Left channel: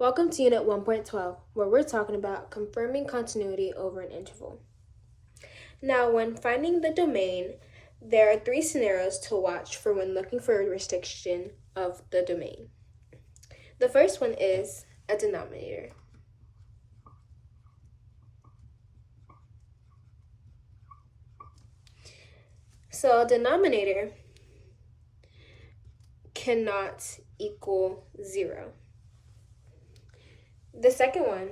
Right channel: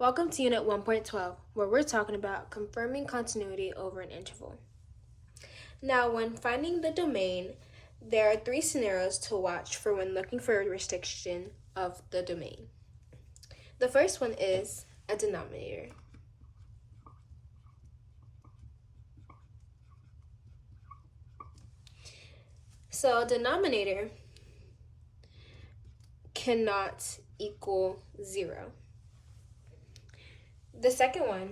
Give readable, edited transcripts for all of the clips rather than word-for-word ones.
Welcome to Unit 1.12, where we're talking about confirming continuity over an interval. Now, when finding the domain, there are three scenarios to watch for when looking for a restriction of the domain. The first one is a denominator. So, a denominator cannot equal 0. The second one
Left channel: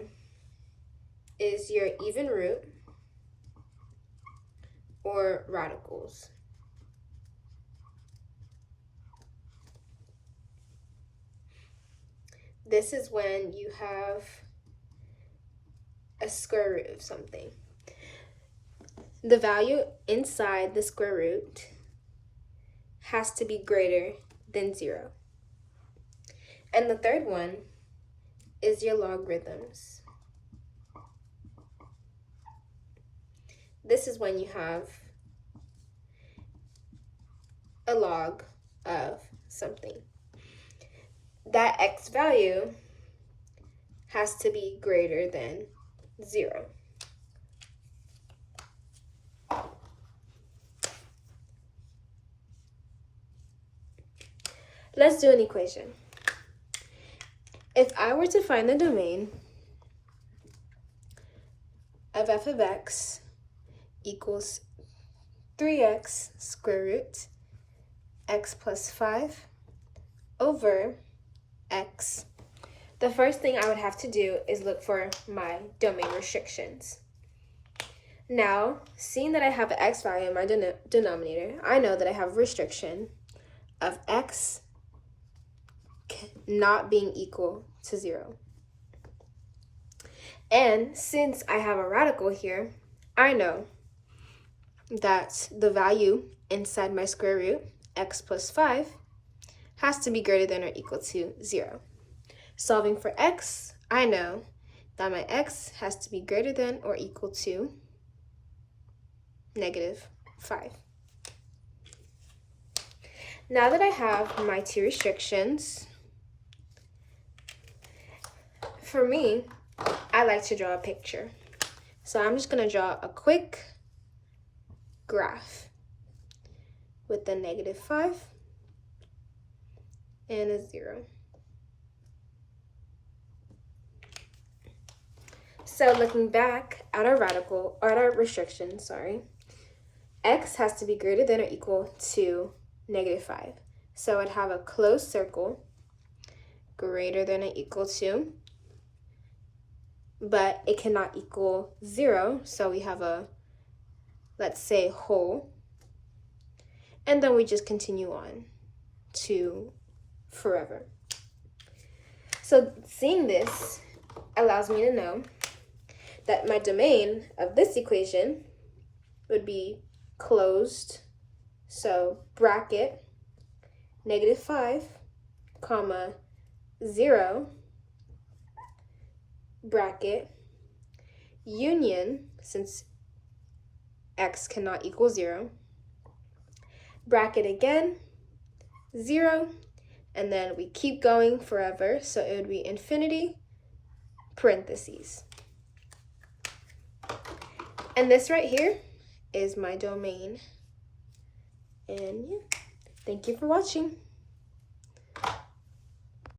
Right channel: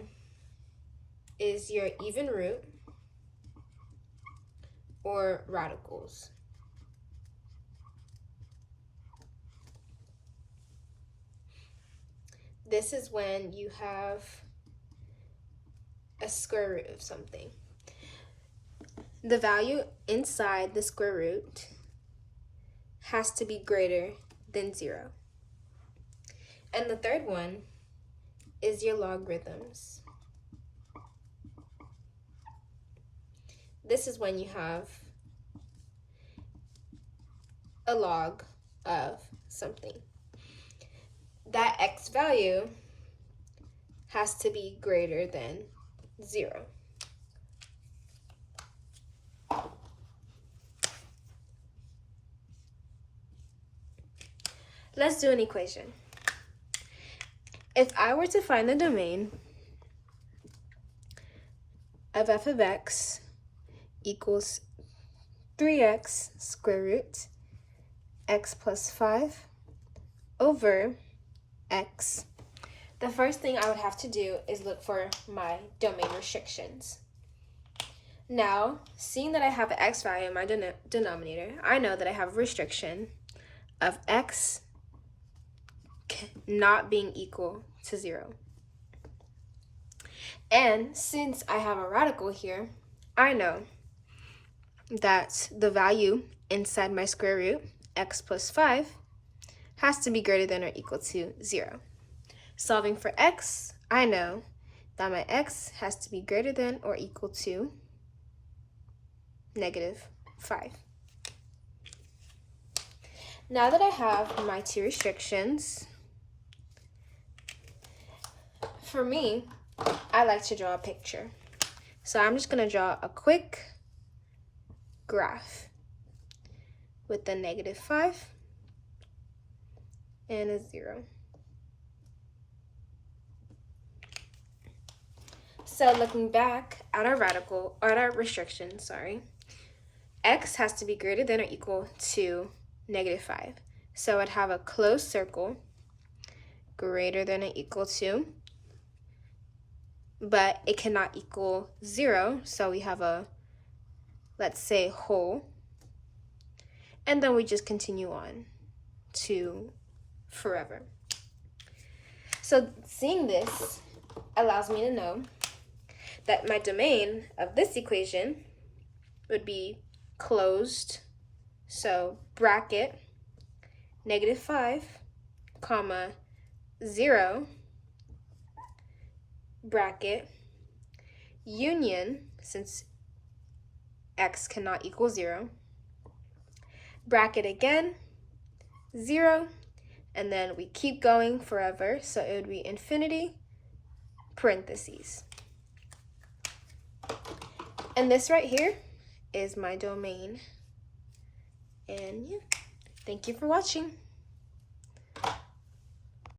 is your even root or radicals. This is when you have a square root of something. The value inside the square root has to be greater than 0. And the third one is your logarithms. This is when you have a log of something. That x value has to be greater than 0. Let's do an equation. If I were to find the domain of f of x equals 3x square root x plus 5 over x, the first thing I would have to do is look for my domain restrictions. Now, seeing that I have an x value in my denominator, I know that I have a restriction of x not being equal to 0. And since I have a radical here, I know that the value inside my square root, x plus 5, has to be greater than or equal to 0. Solving for x, I know that my x has to be greater than or equal to -5. Now that I have my two restrictions, for me, I like to draw a picture. So I'm just going to draw a quick graph with the -5 and a 0. So looking back at our restriction, x has to be greater than or equal to -5. So I'd have a closed circle greater than or equal to, but it cannot equal 0, so we have a, let's say, whole, and then we just continue on to forever. So seeing this allows me to know that my domain of this equation would be closed, so bracket -5, comma 0, bracket union, since x cannot equal 0, bracket again 0, and then we keep going forever, so it would be infinity, parentheses. And this right here is my domain. And yeah, thank you for watching.